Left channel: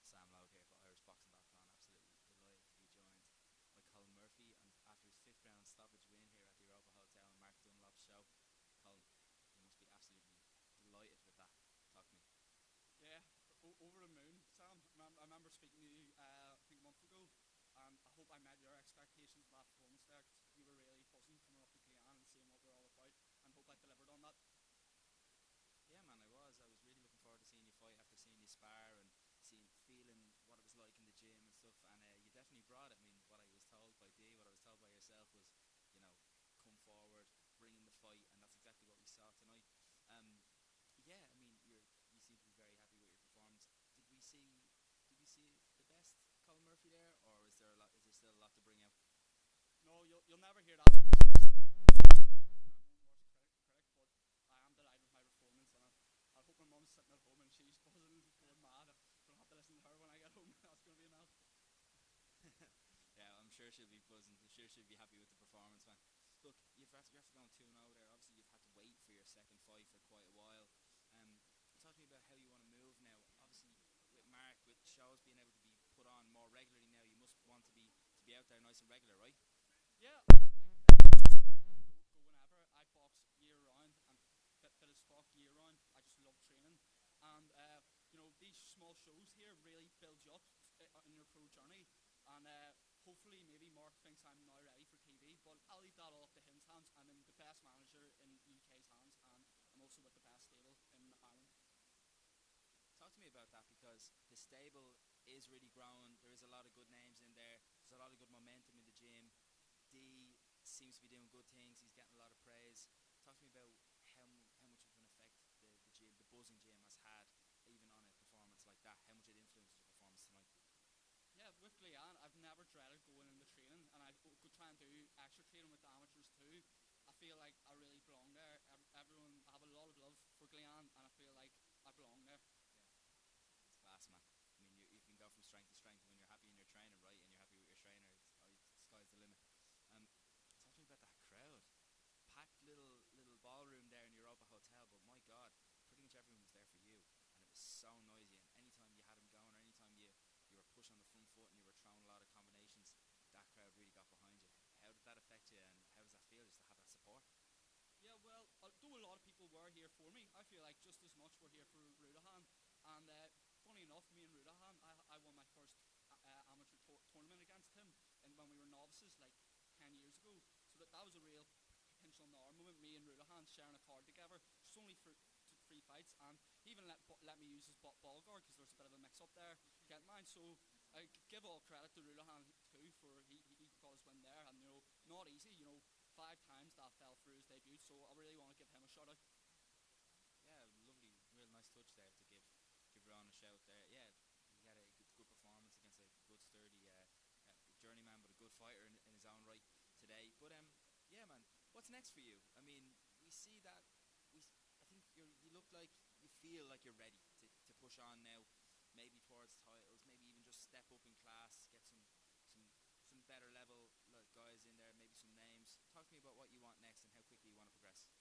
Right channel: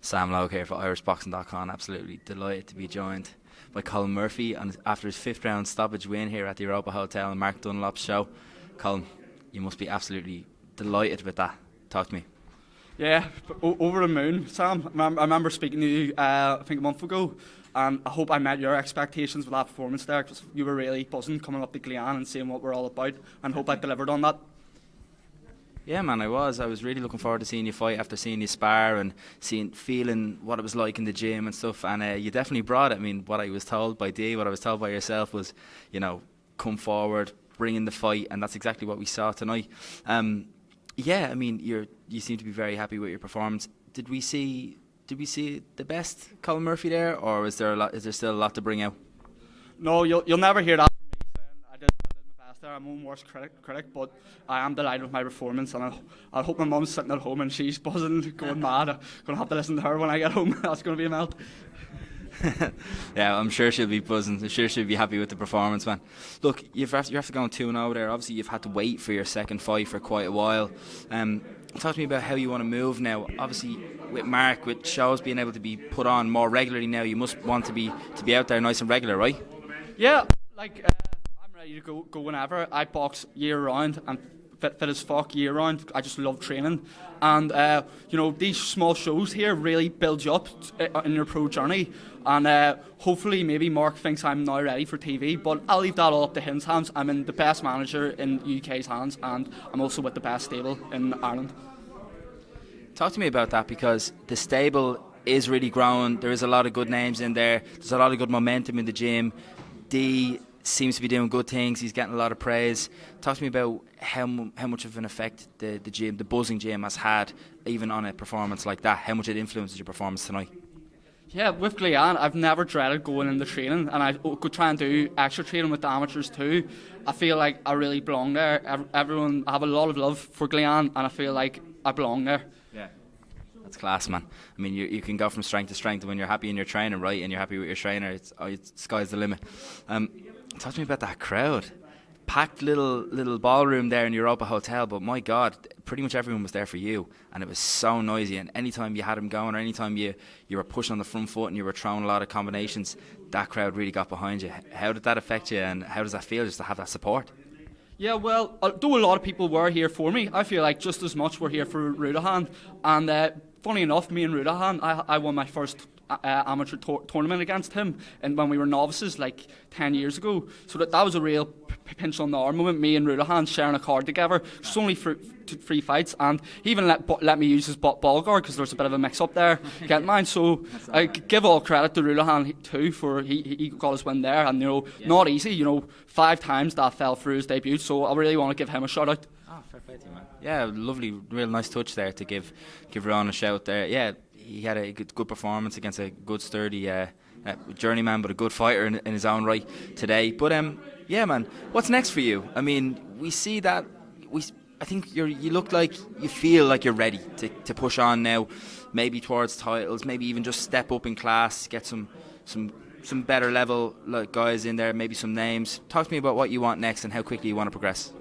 Sam Logue here for irishboxing.com. Absolutely delighted to be joined by Colm Murphy and after his 5th round stoppage win here at the Europa Hotel and Mark Dunlop's show. Colm, you must be absolutely delighted with that. Talk to me. Yeah, over the moon, Sam. I remember speaking to you, I think a month ago, and I hope I met your expectations with that performance there, because you were really buzzing coming up to Glean and seeing what we're all about, and hope I delivered on that. Yeah, man, I was really looking forward to seeing you fight after seeing you spar and feeling what it was like in the gym and stuff, and you definitely brought it. I mean, what I was told by Dee, what I was told by yourself was, come forward, bring in the fight, and that's exactly what we saw tonight. Yeah, I mean, you seem to be very happy with your performance. Did we see the best Colm Murphy there, or is there still a lot to bring out? No, you'll never hear that from me saying I did the best there. I'm my own worst critic, but I am delighted with my performance, and I hope my mum's sitting at home and she's buzzing, going mad. I'm going to have to listen to her when I get home. That's going to be a melt. Yeah, I'm sure she'll be buzzing. I'm sure she'll be happy with the performance, man. Look, you have to go on 2-0 there. Obviously, you've had to wait for your second fight for quite a while. Talk to me about how you want to move now. Obviously, with Mark, with shows being able to be put on more regularly now, you must want to be out there nice and regular, right? Yeah, I'm ready to go whenever. I box year round and fit as fuck year round. I just love training, and these small shows here really build you up in your pro journey. And hopefully maybe Mark thinks I'm now ready for TV, but I'll leave that all up to his hands. I'm in the best manager in UK's hands, and I'm also with the best stable in Ireland. Talk to me about that, because the stable is really growing. There is a lot of good names in there. There's a lot of good momentum in the gym. Dee seems to be doing good things. He's getting a lot of praise. Talk to me about how much of an effect the gym, the buzzing gym, has had, even on a performance like that. How much it influences your performance tonight. Yeah, with Glean, I've never dreaded going into training, and I could try and do extra training with the amateurs too. I feel like I really belong there. I have a lot of love for Glean, and I feel like I belong there. Yeah, that's class, man. I mean, you can go from strength to strength when you're happy in your training, right? And you're happy with your trainer. It's sky's the limit. Talk to me about that crowd. Packed little ballroom there in Europa Hotel, but my God, pretty much everyone was there for you, and it was so noisy. And anytime you had them going, or anytime you were pushing on the front foot and you were throwing a lot of combinations, that crowd really got behind you. How did that affect you, and how does that feel just to have that support? Yeah, well, though a lot of people were here for me, I feel like just as much were here for Rudahan. And funny enough, me and Rudahan, I won my first amateur tournament against him, and when we were novices like 10 years ago. So that was a real pinch on the arm moment, me and Rudahan sharing a card together. It's only for 3 fights, and he even let me use his ball guard because there was a bit of a mix up there. Get mine. So I give all credit to Rudahan too, for he got his win there, and not easy. 5 times that fell through his debut, so I really want to give him a shout out. Fair play to you, man. Yeah, lovely, real nice touch there to give Ron a shout there. Yeah, he had a good performance against a good sturdy journeyman, but a good fighter in his own right today. But yeah, man, what's next for you? I mean, we see that I think you look like you feel like you're ready to push on now, maybe towards titles, maybe even just step up in class, get some better level guys in there, maybe some names. Talk to me about what you want next and how quickly you want to progress.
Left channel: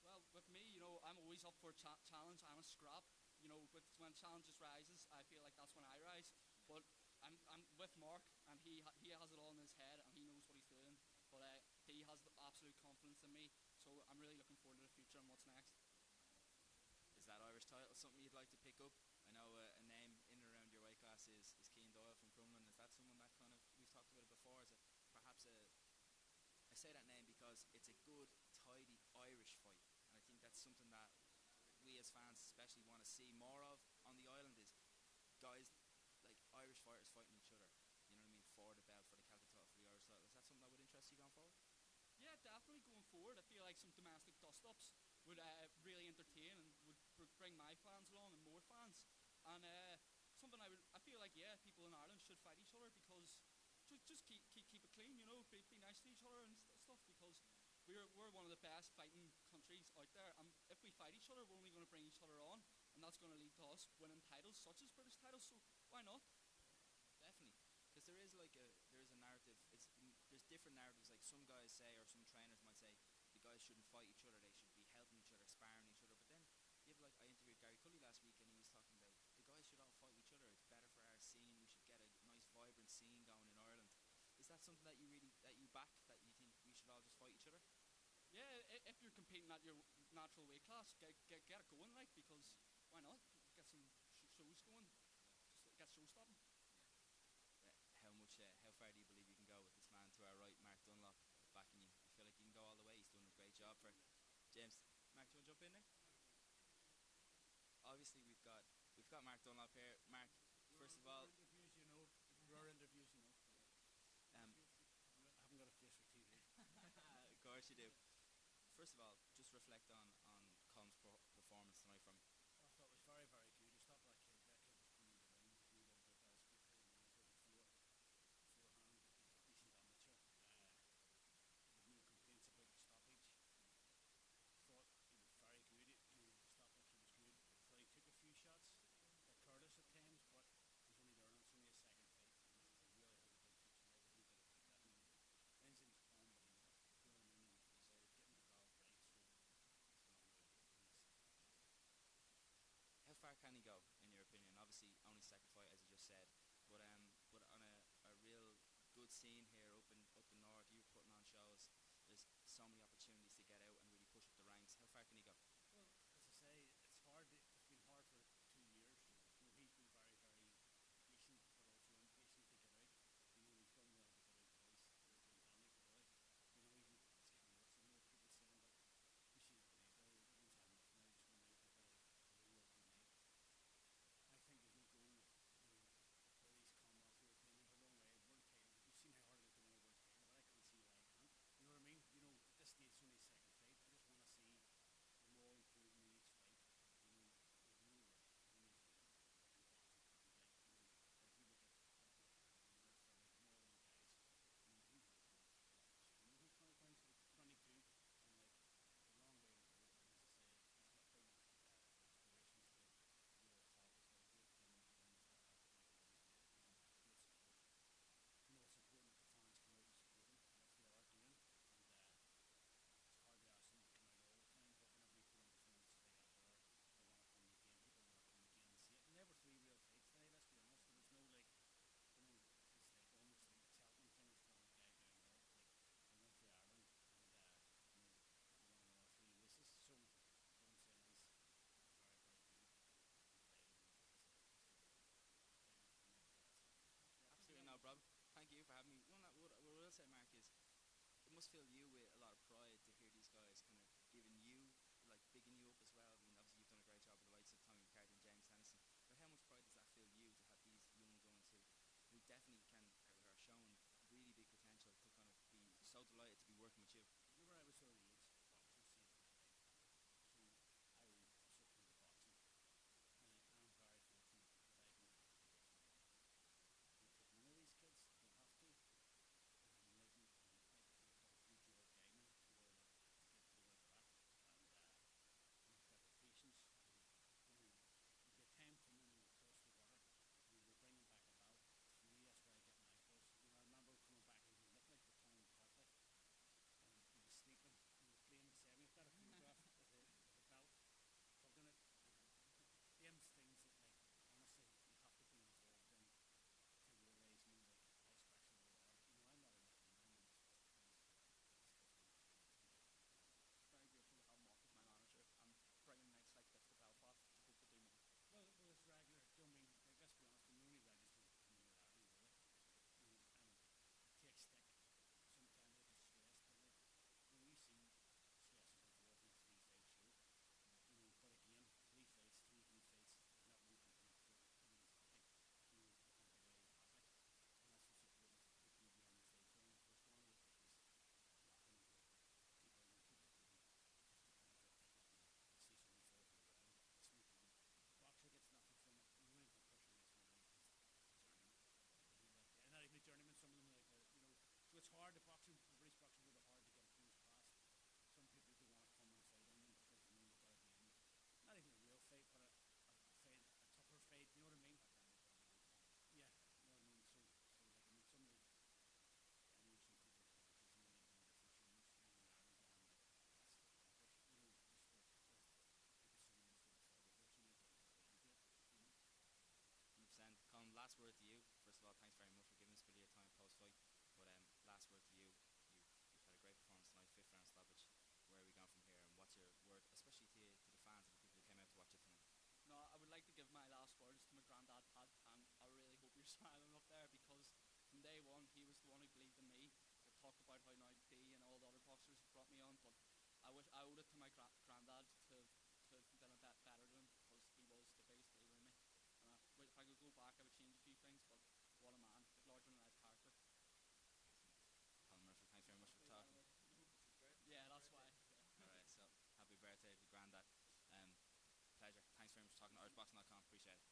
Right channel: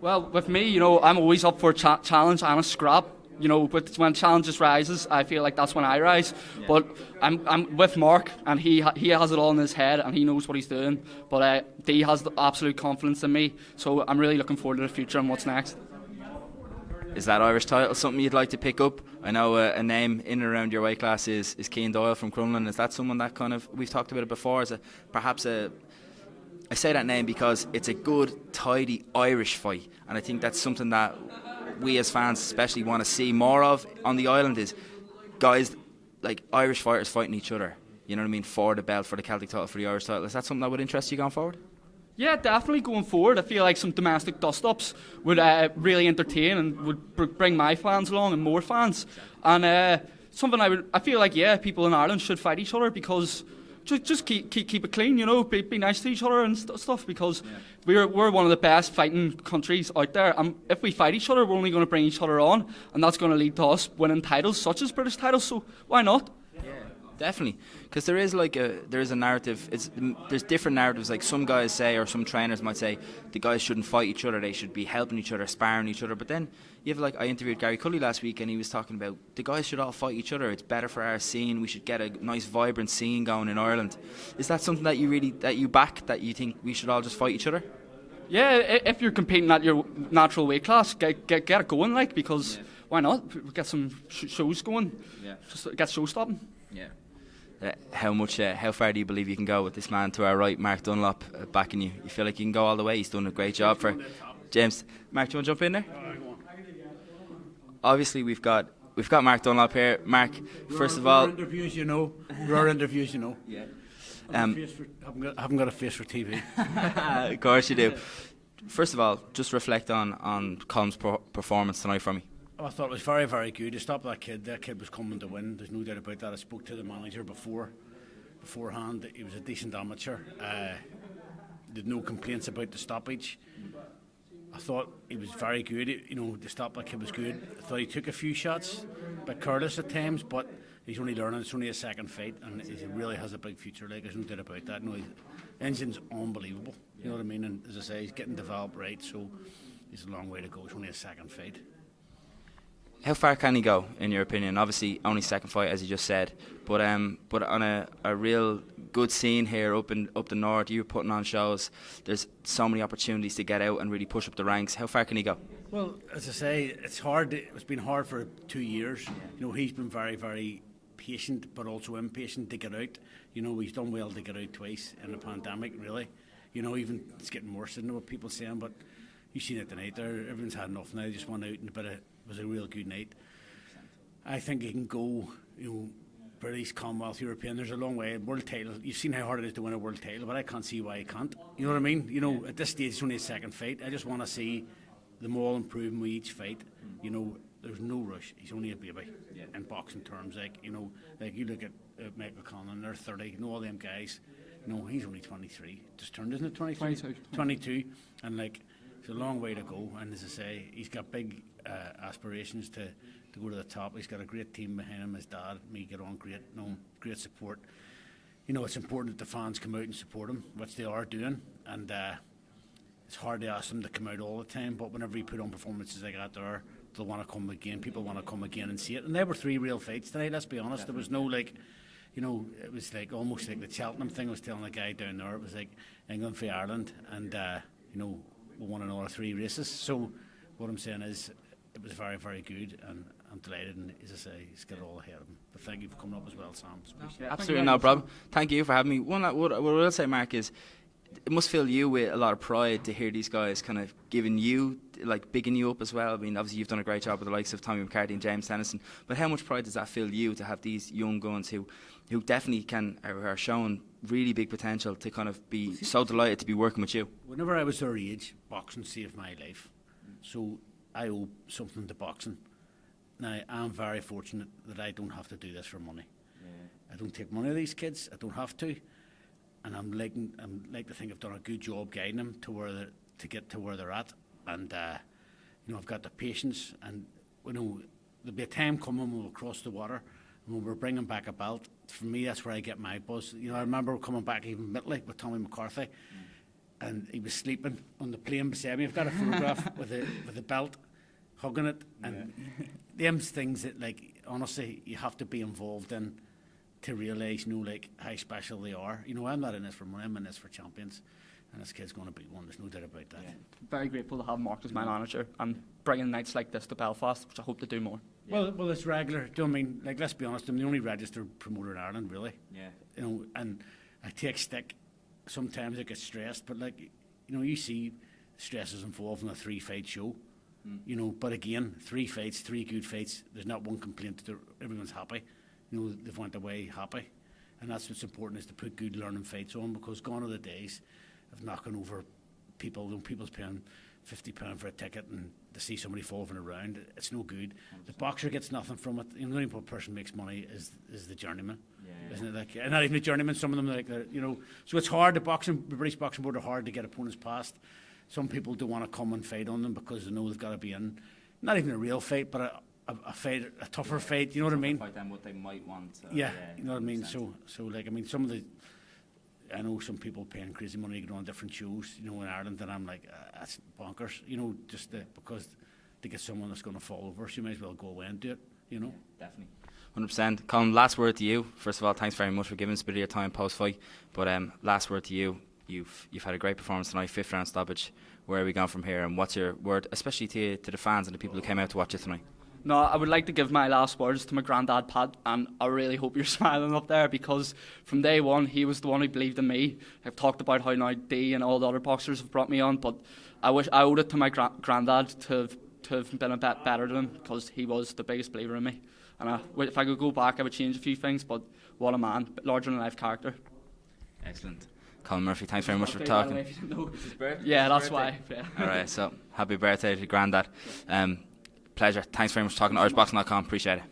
Well, with me, I'm always up for a challenge and a scrap. But when challenges rises, I feel like that's when I rise. Yeah. But I'm with Mark, and he has it all in his head, and he knows what he's doing. But Dee has the absolute confidence in me, so I'm really looking forward to the future and what's next. Is that Irish title something you'd like to pick up? I know a name in and around your weight class is Cian Doyle from Crumlin. Is that someone that we've talked about it before, as I say that name because it's a good, tidy Irish fight, and I think that's something that we as fans especially want to see more of on the island, is guys like Irish fighters fighting each other, you know what I mean, for the belt, for the Celtic title, for the Irish title. Is that something that would interest you going forward? Yeah, definitely going forward. I feel like some domestic dust-ups would really entertain and would bring my fans along and more fans. And something I feel like, people in Ireland should fight each other, because just keep it clean, be nice to each other and stuff, because we're one of the best fighting countries out there, and if we fight each other, we're only going to bring each other on, and that's going to lead to us winning titles such as British titles, so why not? Definitely, because there is a narrative. There's different narratives. Like some guys say, or some trainers might say, the guys shouldn't fight each other. They should be helping each other, sparring each other. But then you have I interviewed Gary Cully last week, and he was talking about the guys should all fight each other. It's better for our scene. We should get a nice, vibrant scene going in Ireland. Is that something that you back? That you think we should all just fight each other? Yeah, if you're competing at your natural weight class, get it going, because why not? Get some shows going. Yeah. Just get show stopping. Yeah. How far do you believe you can go with this man to our right, Mark Dunlop, backing you? You feel like you can go all the way? He's done a great job for James. Mark, do you want to jump in there? Obviously, we've got Mark Dunlop here. Mark, first of all, rare interviews, rare interviews, Yeah. I haven't got a face for TV. Of course you do. First of all, just reflect on Colm's performance tonight for me. I thought it was very, very good. To stop that kid was coming to win. There's no doubt about that. I spoke to the manager beforehand. He was a decent amateur. Did no complaints about the stoppage. I thought he was very good. To stop that kid was good. I thought he took a few shots, a bit careless at times, but he's only learning. It's only a second fight, and he really has a big future. There's no doubt about that. His engine's unbelievable. You know what I mean? And as I say, he's getting developed right, so he's a long way to go. It's only a second fight. How far can he go, in your opinion? Obviously, only second fight, as you just said, but on a real good scene here up the north, you're putting on shows. There's so many opportunities to get out and really push up the ranks. How far can he go? Well, as I say, it's hard. It's been hard for 2 years. He's been very, very patient, but also impatient to get out. He's done well to get out twice in the pandemic. Really, even it's getting worse than what people saying. But you've seen it tonight. There, everyone's had enough now. Just went out and it was a real good night. I think he can go, British, Commonwealth, European. There's a long way. World title. You've seen how hard it is to win a world title, but I can't see why he can't. You know what I mean? At this stage, it's only a second fight. I just want to see them all improving with each fight. There's no rush. He's only a baby in boxing terms. Like you look at Michael Conlon, they're 30. All them guys. He's only 23. Just turned, isn't it? 23? 22. And it's a long way to go. And as I say, he's got big aspirations to go to the top. He's got a great team behind him. His dad, me, get on great. Great support. It's important that the fans come out and support him, which they are doing. And it's hard to ask them to come out all the time. But whenever he put on performances like that, they'll want to come again. People want to come again and see it. And there were 3 real fights tonight. Let's be honest. There was no it was almost like the Cheltenham thing. I was telling the guy down there. It was like England v Ireland, and we won another 3 races. So what I'm saying is, it was very, very good, and I'm delighted. And as I say, he's got it all ahead of him. But thank you for coming up as well, Sam. Absolutely no problem. Thank you for having me. What I will say, Mark, is it must fill you with a lot of pride to hear these guys kind of giving you, bigging you up as well. I mean, obviously you've done a great job with the likes of Tommy McCarthy and James Tennyson, but how much pride does that fill you to have these young guns who definitely are showing really big potential to kind of be so delighted to be working with you? Whenever I was their age, boxing saved my life. So I owe something to boxing. Now, I'm very fortunate that I don't have to do this for money. I don't take money of these kids. I don't have to. And I'm like to think I've done a good job guiding them to get to where they're at. And I've got the patience. And there'll be a time coming when we'll cross the water and when we're bringing back a belt. For me, that's where I get my buzz. I remember coming back even midly with Tommy McCarthy, and he was sleeping on the plane beside me. I've got a photograph with a belt, hugging it, and them things that, honestly, you have to be involved in to realise, how special they are. I'm not in this for money. I'm in this for champions, and this kid's going to be one. There's no doubt about that. Yeah. Very grateful to have Mark as my manager and bringing nights like this to Belfast, which I hope to do more. Yeah. Well, it's regular. Do you know what I mean? Let's be honest. I'm the only registered promoter in Ireland, really. Yeah. And I take stick. Sometimes I get stressed, but you see stresses involved in a 3-fight show. But again, 3 fights, 3 good fights. There's not one complaint. Everyone's happy. They've went away happy, and that's what's important, is to put good learning fights on, because gone are the days of knocking over people. When people's paying £50 for a ticket and to see somebody fall from a round, it's no good. 100%. The boxer gets nothing from it. The only person makes money is the journeyman, isn't it? And not even the journeyman. Some of them So it's hard. The British Boxing Board are hard to get opponents past. Some people don't want to come and fight on them because they know they've got to be in, not even a real fight, but a fight, a tougher fight. You know what I mean? Fight them what they might want. Yeah, you know what I mean. So like, I mean, some of the, I know some people paying crazy money to go on different shows, you know, in Ireland, and I'm like, that's bonkers, you know, just because to get someone that's going to fall over, so you might as well go away and do it, you know. Yeah, definitely. 100%. Colm, last word to you. First of all, thanks very much for giving us a bit of your time post-fight. But last word to you. You've had a great performance tonight, 5th round stoppage. Where are we going from here, and what's your word, especially to the fans and the people who came out to watch it tonight? No, I would like to give my last words to my granddad Pat, and I really hope you're smiling up there, because from day one he was the one who believed in me. I've talked about how now D and all the other boxers have brought me on, but I wish I owed it to my granddad to have been a bit better than him, because he was the biggest believer in me. And if I could go back, I would change a few things, but what a man, larger than life character. Excellent. Colm Murphy, thanks very much for talking. Yeah, that's why. Yeah. Alright, so happy birthday to Grandad. Pleasure. Thanks very much for talking to IrishBoxing.com. Appreciate it.